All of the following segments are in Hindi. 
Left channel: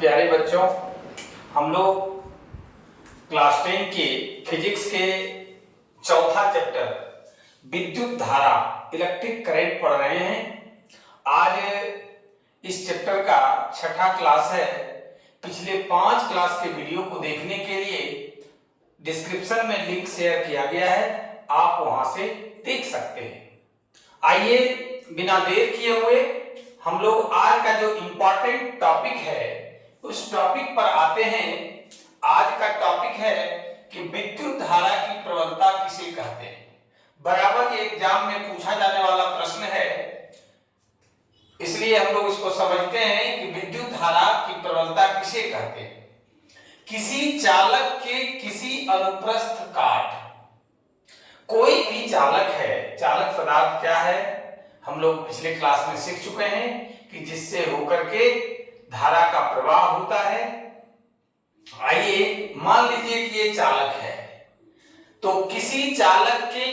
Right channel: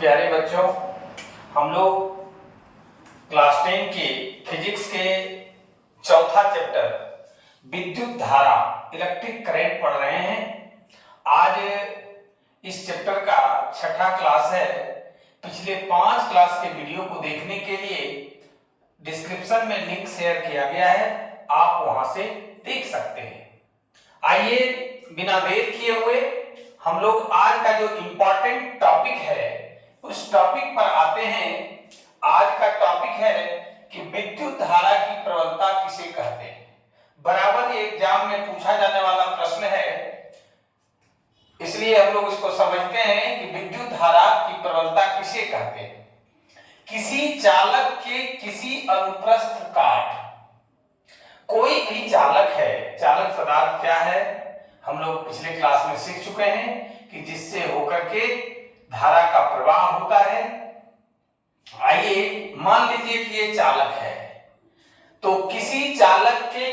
प्यारे बच्चों, हम लोग क्लास 10 के फिजिक्स के चौथा चैप्टर विद्युत धारा इलेक्ट्रिक करंट पढ़ रहे हैं। आज इस चैप्टर का छठा क्लास है। पिछले 5 क्लास के वीडियो को देखने के लिए डिस्क्रिप्शन में लिंक शेयर किया गया है, आप वहां से देख सकते हैं। आइए बिना देर किए हुए हम लोग आज का जो इंपॉर्टेंट टॉपिक है उस टॉपिक पर आते हैं। आज का टॉपिक है कि विद्युत धारा की प्रबलता किसे कहते हैं। बराबर ये एग्जाम में पूछा जाने वाला प्रश्न है, इसलिए हम लोग इसको समझते हैं कि विद्युत धारा की प्रबलता किसे कहते हैं। किसी चालक के किसी अनुप्रस्थ काट, कोई भी चालक है, चालक पदार्थ क्या है हम लोग पिछले क्लास में सीख चुके हैं कि जिससे होकर के धारा का प्रवाह होता है। आइए मान लीजिए कि ये चालक है, तो किसी चालक के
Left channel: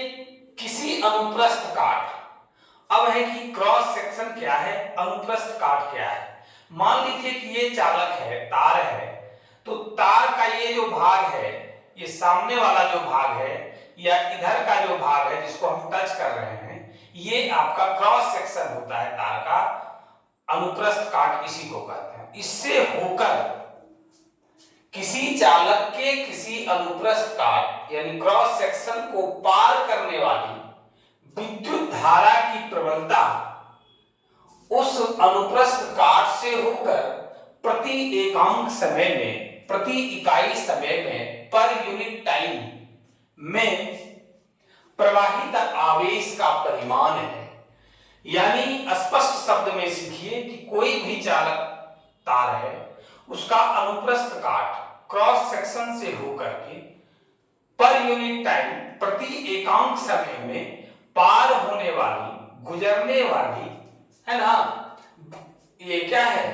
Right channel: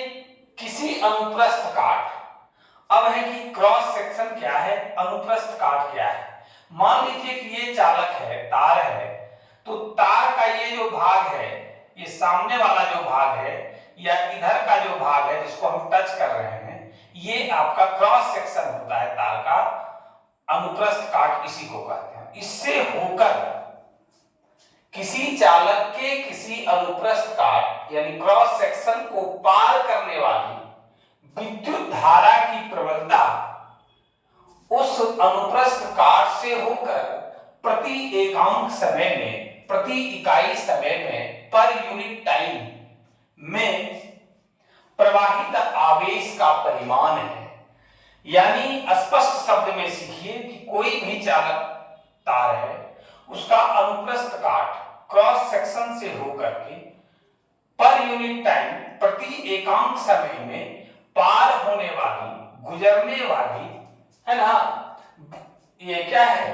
किसी अनुप्रस्थ काट, अब है कि क्रॉस सेक्शन क्या है, अनुप्रस्थ काट क्या है। मान लीजिए कि ये चालक है, तार है, तो तार का ये जो भाग है, ये सामने वाला जो भाग है या इधर का जो भाग है जिसको हम टच कर रहे हैं, ये आपका क्रॉस सेक्शन होता है तार का। अनुप्रस्थ काट इसी को कहते हैं। इससे होकर किसी चालक के किसी अनुप्रस्थ काट यानी क्रॉस सेक्शन को पार करने वाली विद्युत धारा की प्रबलता उस अनुप्रस्थ काट से होकर प्रति एकांक समय में, प्रति इकाई समय में, पर यूनिट टाइम में प्रवाहित आवेश का परिमाण है। यानी स्पष्ट शब्द में सीखिए कि कोई भी चालक तार है, उसका अनुप्रस्थ काट क्रॉस सेक्शन से होकर के पर यूनिट टाइम, प्रति एकांक समय में पार होने वाली, गुजरने वाली, है ना, ये क्या है,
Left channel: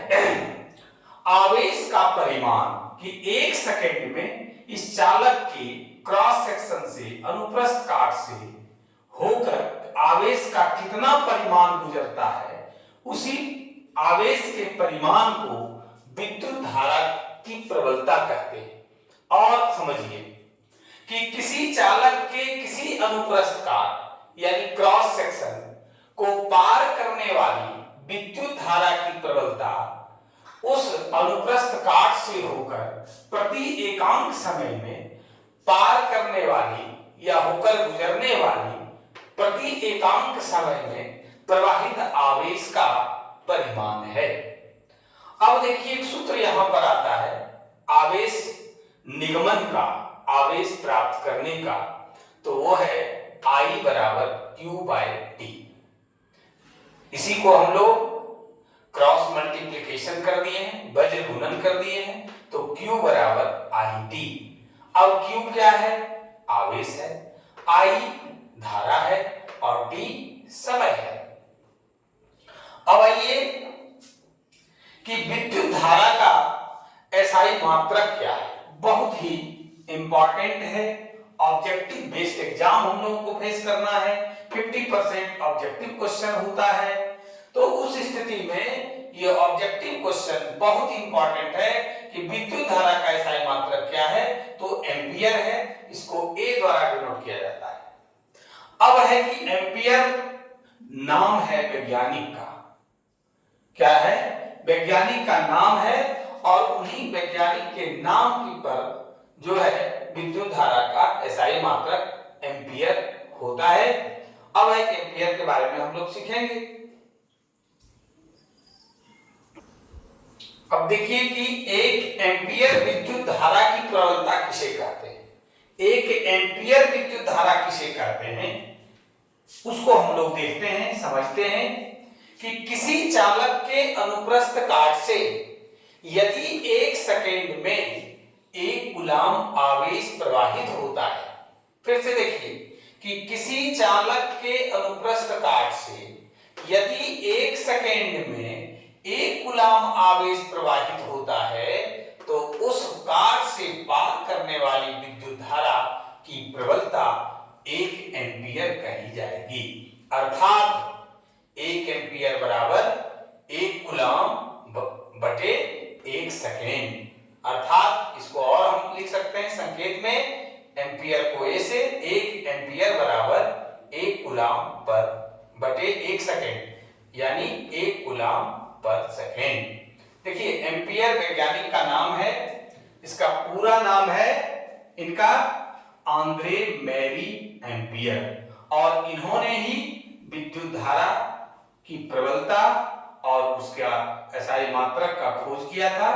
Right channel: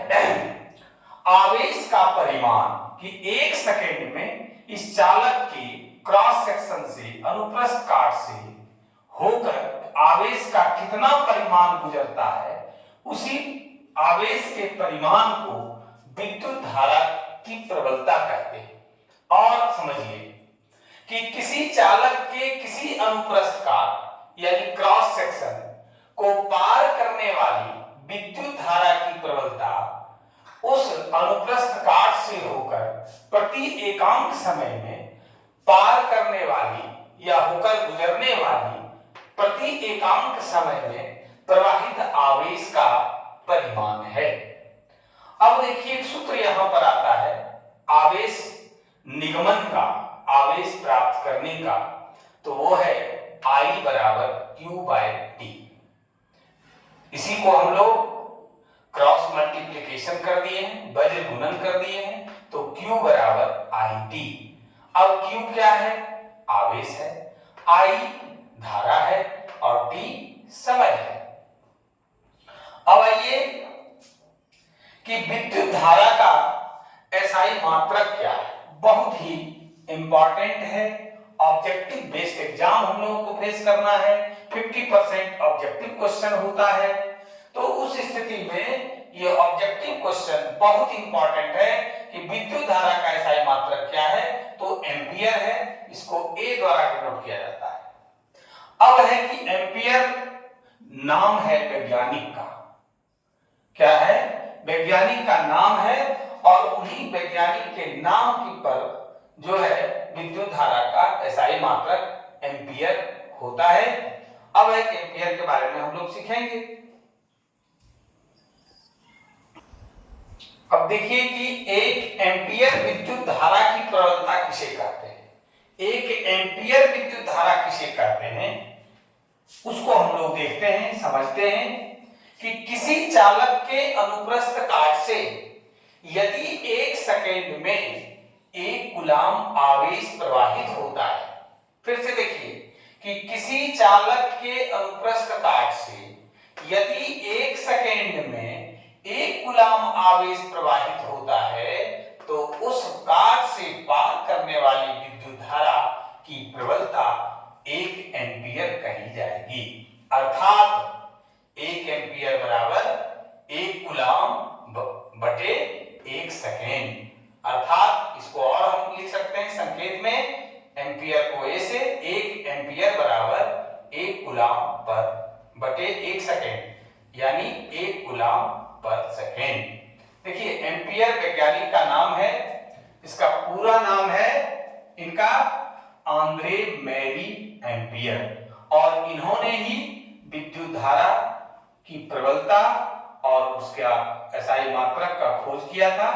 आवेश का परिमाण कि 1 सेकेंड में इस चालक की क्रॉस सेक्शन से, अनुप्रस्थ काट से होकर आवेश का कितना परिमाण गुजरता है, उसी आवेश के परिमाण को विद्युत धारा की प्रबलता कहते हैं। और समझिए कि किसी चालक के किसी अनुप्रस्थ काट यानी क्रॉस सेक्शन को पार करने वाली विद्युत धारा की प्रबलता उस अनुप्रस्थ काट से होकर प्रति एकांक समय में पार करने वाली या होकर गुजरने वाली प्रति एकांक समय में प्रवाहित आवेश का परिमाण है। अब देखिए एक सूत्र यहां पर आता है आवेश निगमन का, आवेश प्राप्त करने का, तो वो है I बराबर Q/T। इसी को हम लोग क्रॉस मल्टीप्लिकेशन कर दिए हैं, वज्र गुणन कर दिए हैं, तो Q बराबर IT। अब Q क्या है, आवेश है, I धारा है और T समय है। अब आइए कि विद्युत धारा का SI मात्रक क्या है। बहुत ही इंपॉर्टेंट है, ऑब्जेक्टिव बेस्ड एग्जाम हम लोगों को फेस करना है, 50% ऑब्जेक्टिव क्वेश्चन होता है। तो उस स्थिति में ये ऑब्जेक्टिव क्वेश्चन बहुत इंपॉर्टेंट है कि विद्युत धारा का SI मात्रक क्या है, तो एम्पियर है, इसको A द्वारा डिनोट किया जाता है। अब है कि एम्पियर नाम है वैज्ञानिक का, क्या है, वैज्ञानिक का नाम है और उन्हीं वैज्ञानिक के नाम की पर जो है विद्युत धारा का SI मात्रक एम्पियर होता है। अब है कि एम्पियर के बारे में हम लोग सीखेंगे। अब देखिए कि 1 एम्पियर विद्युत धारा की प्रबलता किसे कहते हैं। 1 एम्पियर विद्युत धारा किसे कहते हैं उसको हम लोग देखते हैं, समझते हैं कि किसी चालक के अनुप्रस्थ काट से यदि 1 सेकेंड में 1 कूलम आवेश प्रवाहित होता है। फिर से देखिए कि किसी चालक के अनुप्रस्थ काट से यदि 1 सेकेंड में 1 कूलम आवेश प्रवाहित होता है, तो उस काट से पार करने वाली विद्युत धारा की प्रबलता 1 एम्पियर कही जाएगी। अर्थात 1 एम्पियर बराबर 1 कूलम बटे 1 सेकेंड। अर्थात इसको और हम लिख सकते हैं संकेत में, एम्पियर को ए से 1 एम्पियर बराबर 1 कूलाम पर बटे 1 सेकेंड यानी 1 कूलाम पर सेकेंड। देखिए एम्पियर वैज्ञानिक का नाम है, इसका पूरा नाम है इनका आंद्रे मैरी एम्पियर, और इन्होंने ही विद्युत धारा की प्रबलता और उसका एसआई मात्रक का खोज किया था,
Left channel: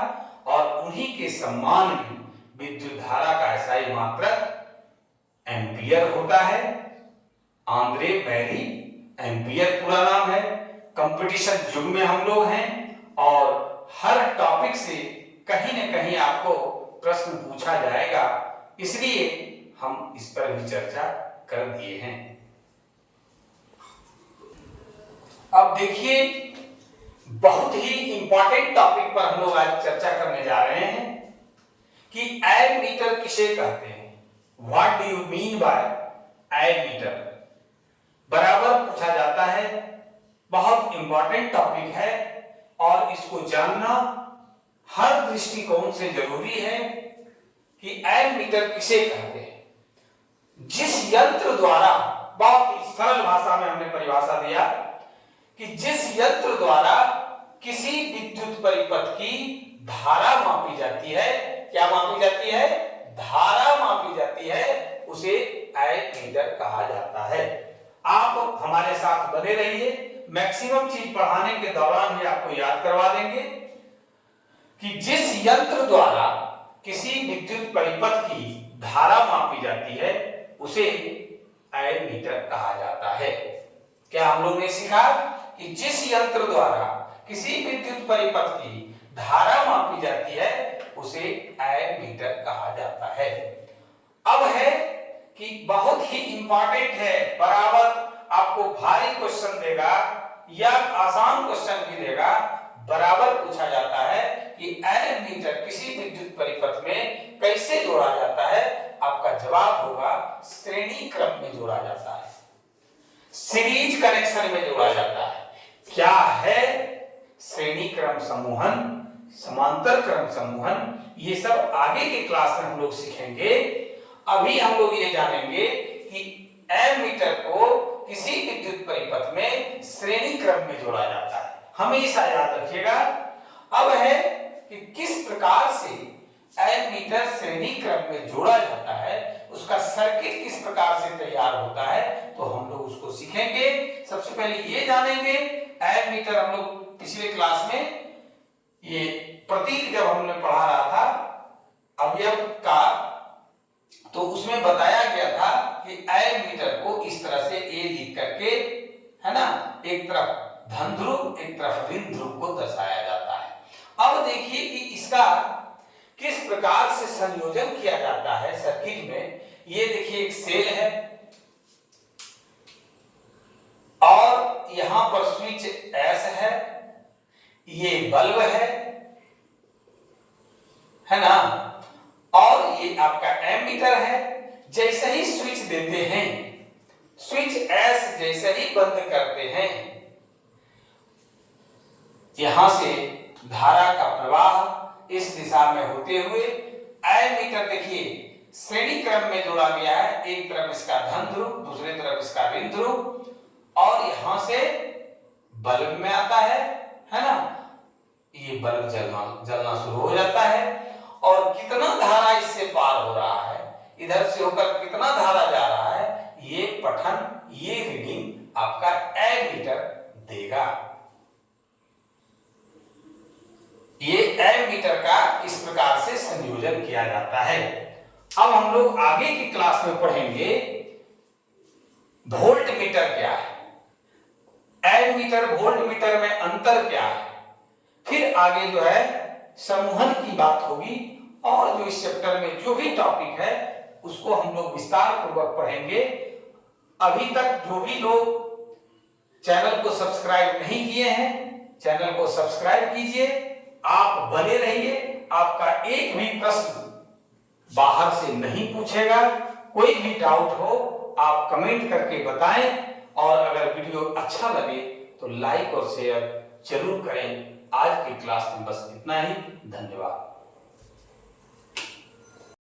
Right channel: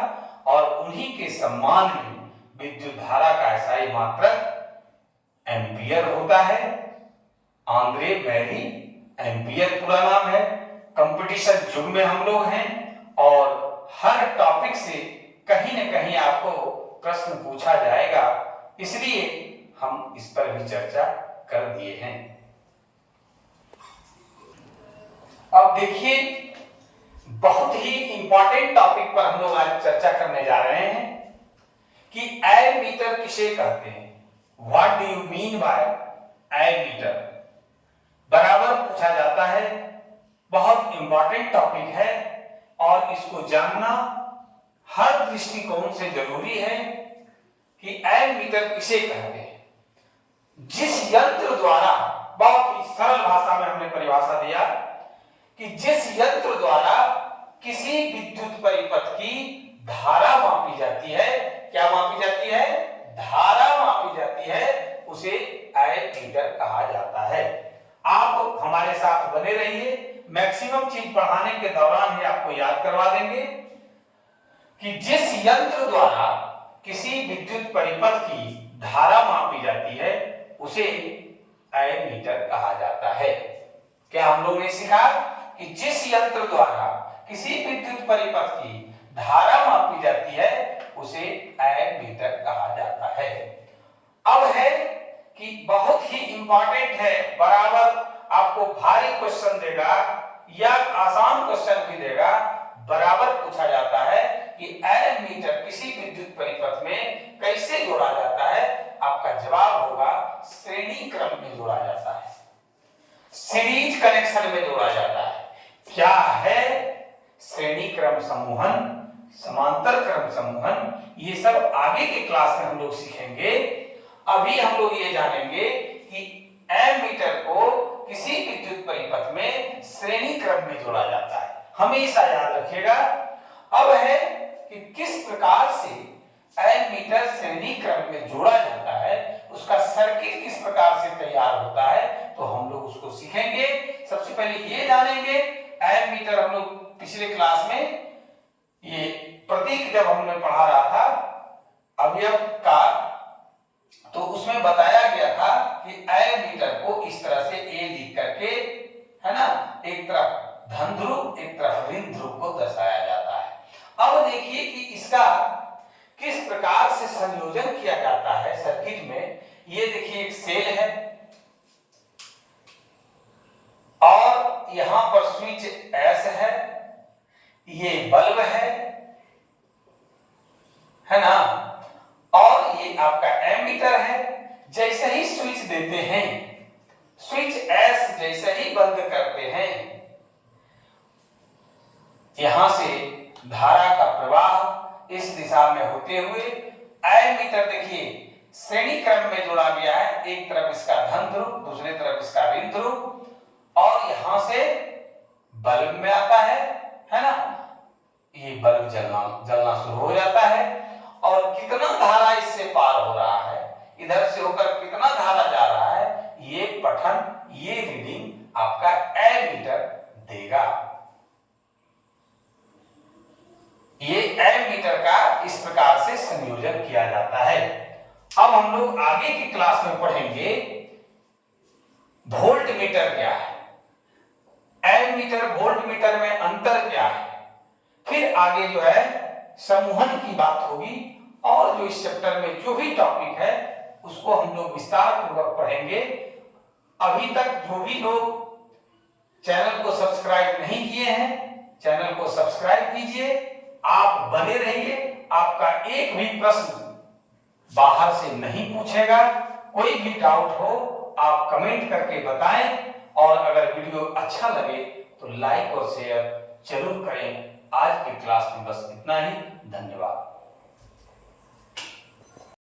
और उन्हीं के सम्मान में विद्युत धारा का एसआई मात्रक एम्पियर होता है। आंद्रे मैरी एम्पियर पूरा नाम है। कंपटीशन युग में हम लोग हैं और हर टॉपिक से कहीं न कहीं आपको प्रश्न पूछा जाएगा, इसलिए हम इस पर भी चर्चा कर दिए हैं। अब देखिए बहुत ही इंपॉर्टेंट टॉपिक पर हम लोग आज चर्चा करने जा रहे हैं कि एमीटर किसे कहते हैं, what do you mean by ammeter, बराबर पूछा जाता है। बहुत इंपॉर्टेंट टॉपिक है और इसको जानना हर दृष्टिकोण से जरूरी है कि एमीटर किसे कहते हैं। जिस यंत्र द्वारा, बहुत ही सरल भाषा में हमने परिभाषा दिया कि जिस यंत्र द्वारा किसी विद्युत परिपथ की धारा मापी जाती है, क्या मापी जाती है, धारा मापी जाती है, उसे एमीटर कहा जाता है। आप हमारे साथ बने रहिए, मैक्सिमम चीज पढ़ाने के दौरान ही आपको याद करवा देंगे कि जिस यंत्र द्वारा किसी विद्युत परिपथ की धारा मापी जाती है उसे एमीटर कहा जाता है। क्या हम लोग ने सीखा कि जिस यंत्र द्वारा किसी विद्युत परिपथ की धारा मापी जाती है उसे एमीटर कहा जाता है। अब है कि बहुत ही इंपॉर्टेंट है, बराबर आपको भारी क्वेश्चन देगा या आसान क्वेश्चन भी देगा, बराबर पूछा जाता है कि एमीटर किसी विद्युत परिपथ में कैसे जोड़ा जाता है। आपका जवाब होगा श्रेणी क्रम में जोड़ा जाता है, सीरीज कनेक्शन में जोड़ा जाता है। क्या है श्रेणी क्रम समूहन, समांतर क्रम समूहन, ये सब आगे के क्लास में हम लोग सीखेंगे। अभी हम लोग ये जानेंगे कि एमीटर को किसी विद्युत परिपथ में श्रेणी क्रम में जोड़ा जाता है, हमेशा याद रखिएगा। अब है कि किस प्रकार से एमीटर श्रेणी क्रम में जोड़ा जाता है, उसका सर्किट किस प्रकार से तैयार होता है, तो हम लोग उसको सीखेंगे। सबसे पहले ये जानेंगे एमीटर, हम लोग पिछले क्लास में ये प्रतीक जब हमने पढ़ा रहा था अवयव का, तो उसमें बताया गया था कि एमीटर को इस तरह से ए लिख करके, है ना, एक तरफ धन ध्रुव एक तरफ ऋण ध्रुव को दर्शाया जाता है। अब देखिए कि इसका किस प्रकार से संयोजन किया जाता है सर्किट में। ये देखिए एक सेल है और यहां पर स्विच एस है, ये बल्ब है ना, और ये आपका एमीटर है। जैसे ही स्विच देते हैं, स्विच एस जैसे ही बंद करते हैं, यहां से धारा का प्रवाह इस दिशा में होते हुए एमीटर देखिए श्रेणी क्रम में जोड़ा गया है। एक तरफ इसका धन ध्रुव, दूसरे तरफ इसका ऋण ध्रुव, और यहां से बल्ब में आता है ना, ये बल्ब जलना शुरू हो जाता है। और कितना धारा इससे पार हो रहा है, इधर से होकर कितना धारा जा रहा है, ये पठन, ये रीडिंग आपका एमीटर देगा। ये एमीटर का इस प्रकार से संयोजन किया जाता है। अब हम लोग आगे की क्लास में पढ़ेंगे वोल्ट मीटर क्या है, एमीटर वोल्ट मीटर में अंतर क्या है, फिर आगे जो है समूहन की बात होगी, और जो इस चैप्टर में जो भी टॉपिक है उसको हम लोग विस्तार पूर्वक पढ़ेंगे। अभी तक जो भी लोग चैनल को सब्सक्राइब नहीं किए हैं, चैनल को सब्सक्राइब कीजिए, आप बने रहिए। आपका एक भी प्रश्न बाहर से नहीं पूछेगा, कोई भी डाउट हो आप कमेंट करके बताएं, और अगर वीडियो अच्छा लगे तो लाइक और शेयर जरूर करें। आज की क्लास में बस इतना ही, धन्यवाद।